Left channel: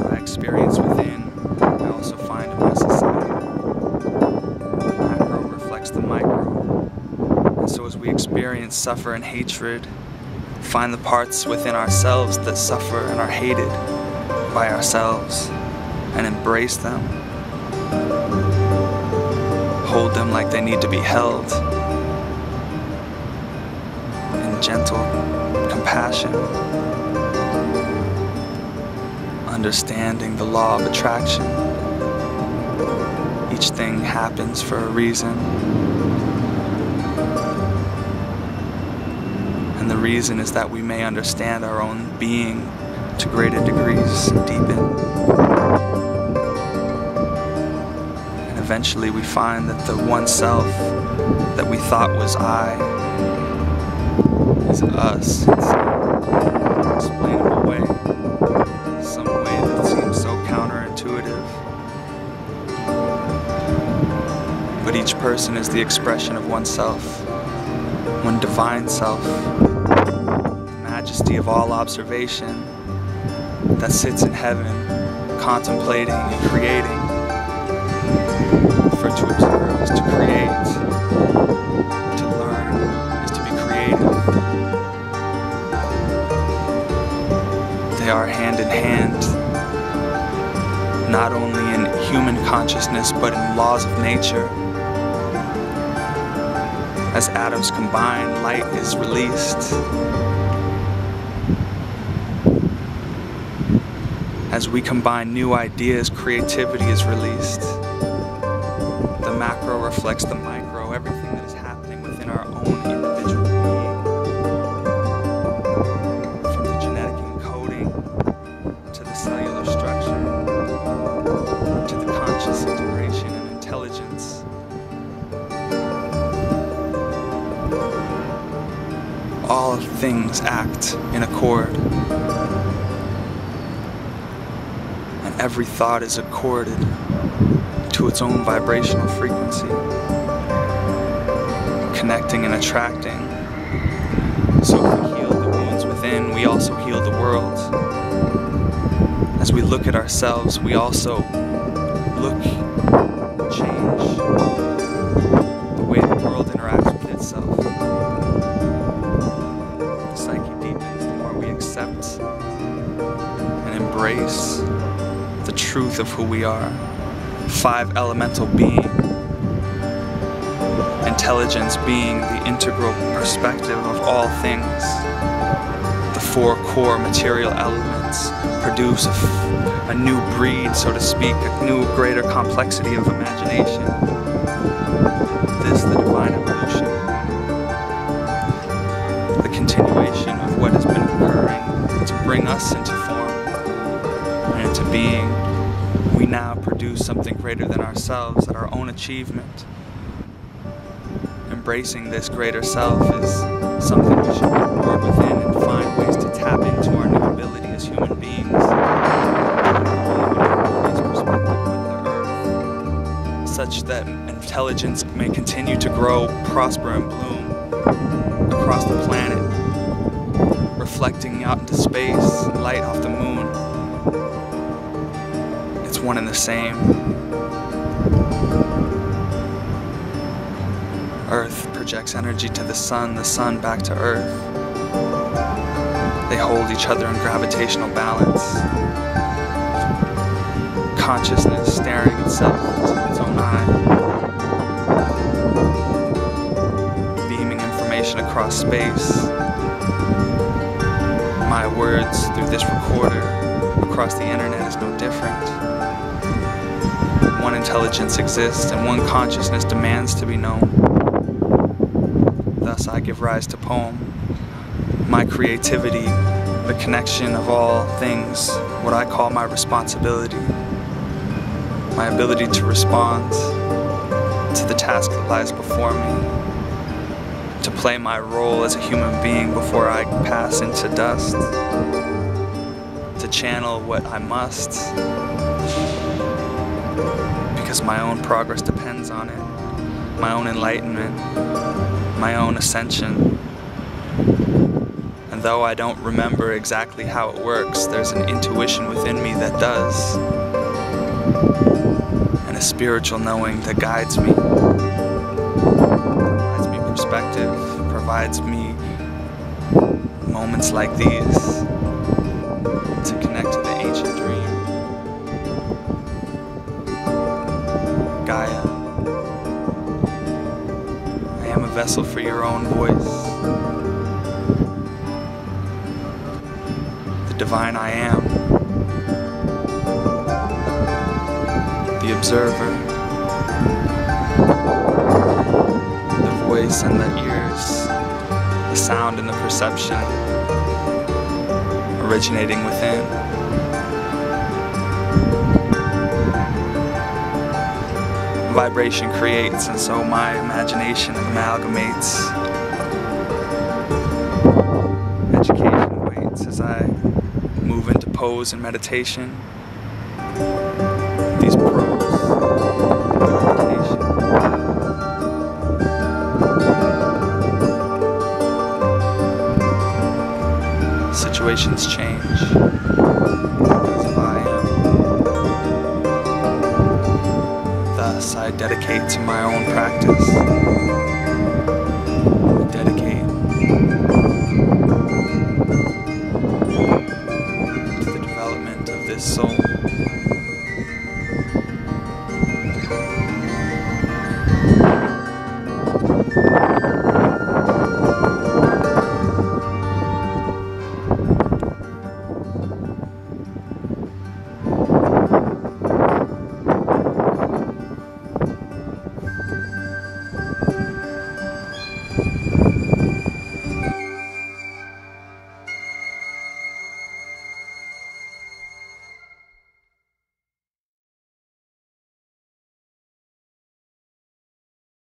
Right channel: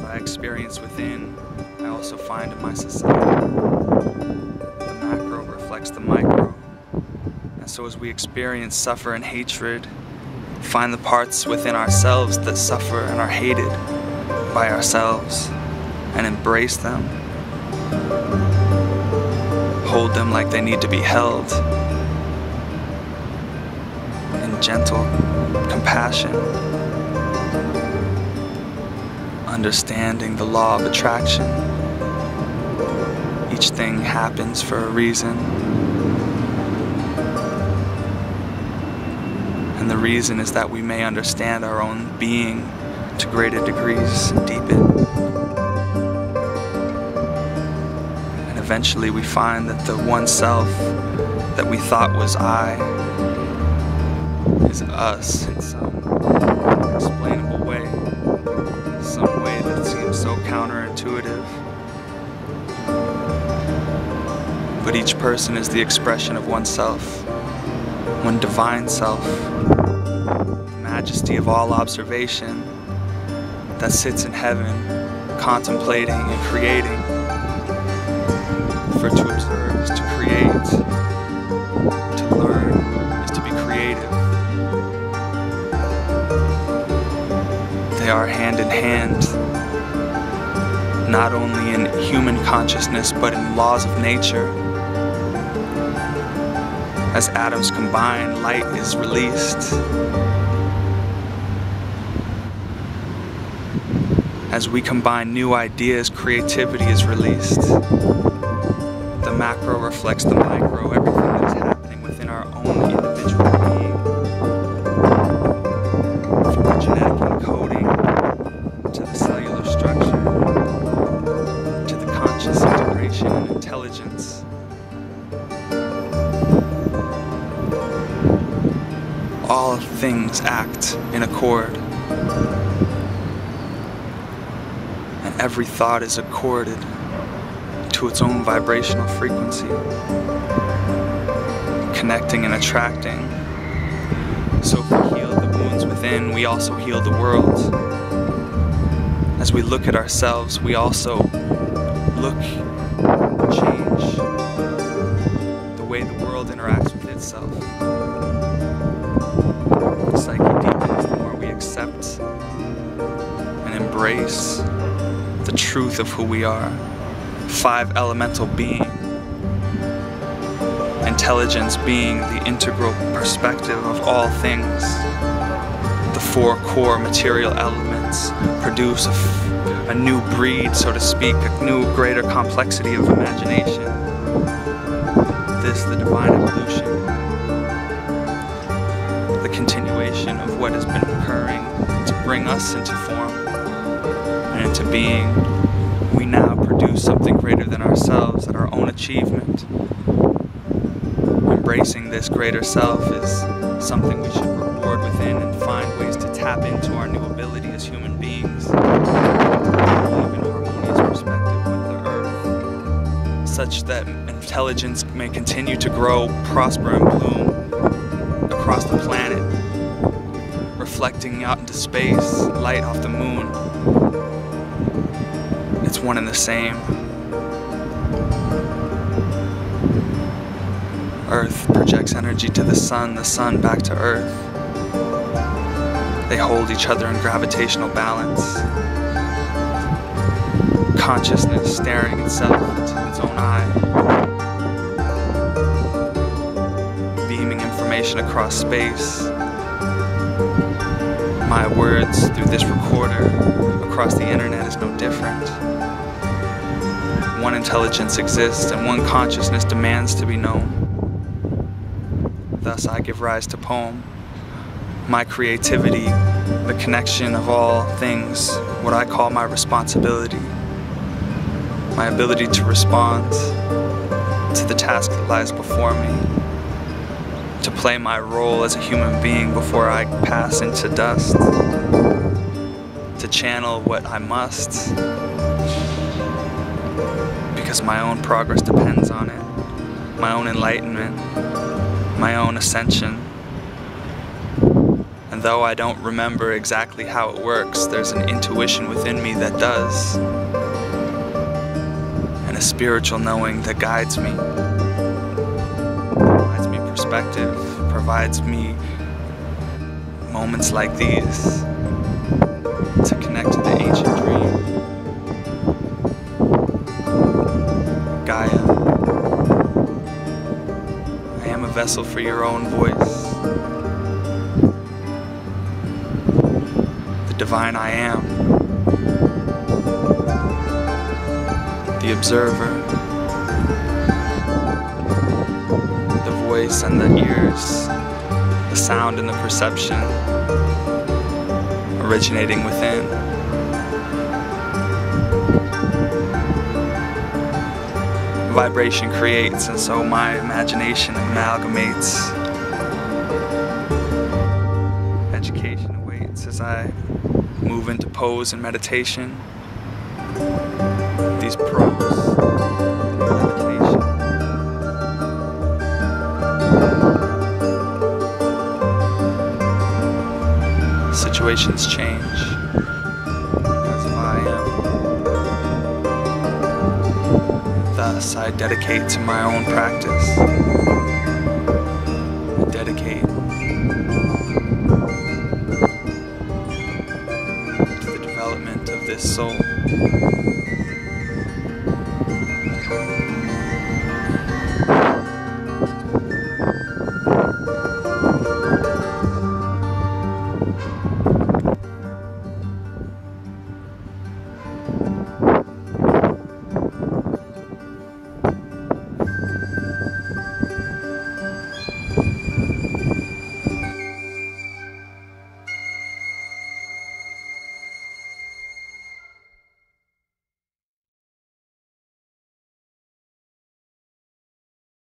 What I experience within, I also find in my society. The macro reflects the micro. And so as we experience suffer and hatred, find the parts within ourselves that suffer and are hated by ourselves and embrace them. Hold them like they need to be held in gentle compassion, understanding the law of attraction. Each thing happens for a reason, and the reason is that we may understand our own being to greater degrees and deepen. And eventually we find that the one self that we thought was I is us in some unexplainable way, some way that seems so counterintuitive. But each person is the expression of oneself, one divine self, the majesty of all observation that sits in heaven, contemplating and creating. For to observe is to create, to learn is to be creative. They are hand in hand, not only in human consciousness but in laws of nature. As atoms combine, light is released. As we combine new ideas, creativity is released. The macro reflects the micro, everything that is happening within our own individual being. From the genetic encoding, to the cellular structure, to the conscious integration and intelligence. All things act in accord. Every thought is accorded to its own vibrational frequency, connecting and attracting. So if we heal the wounds within, we also heal the world. As we look at ourselves, we also change the way the world interacts with itself. The psyche deepens the more we accept and embrace the truth of who we are. 5 elemental being. Intelligence being the integral perspective of all things. The 4 core material elements produce a new breed, so to speak, a new greater complexity of imagination. This, the divine evolution. The continuation of what has been occurring to bring us into form. Into being, we now produce something greater than ourselves at our own achievement. Embracing this greater self is something we should reward within and find ways to tap into our new ability as human beings. Even harmonious perspective with the earth, such that intelligence may continue to grow, prosper, and bloom across the planet, reflecting out into space, light off the moon. It's one and the same. Earth projects energy to the sun back to Earth. They hold each other in gravitational balance. Consciousness staring itself into its own eye. Beaming information across space. My words through this recorder across the internet is no different. One intelligence exists and one consciousness demands to be known. Thus I give rise to poem. My creativity, the connection of all things, what I call my responsibility. My ability to respond to the task that lies before me. To play my role as a human being before I pass into dust. To channel what I must. Because my own progress depends on it. My own enlightenment. My own ascension. And And though I don't remember exactly how it works, there's an intuition within me that does. And a spiritual knowing that guides me. Provides me perspective, provides me moments like these to connect to the ancient dream. Gaia, I am a vessel for your own voice. The divine I am. The observer. The voice and the ears. The sound and the perception. Originating within. Vibration creates, and so my imagination amalgamates. Education awaits as I move into pose and meditation. These pros, meditation. Situations change because of I am. Thus, I dedicate to my own practice. I dedicate to the development of this soul.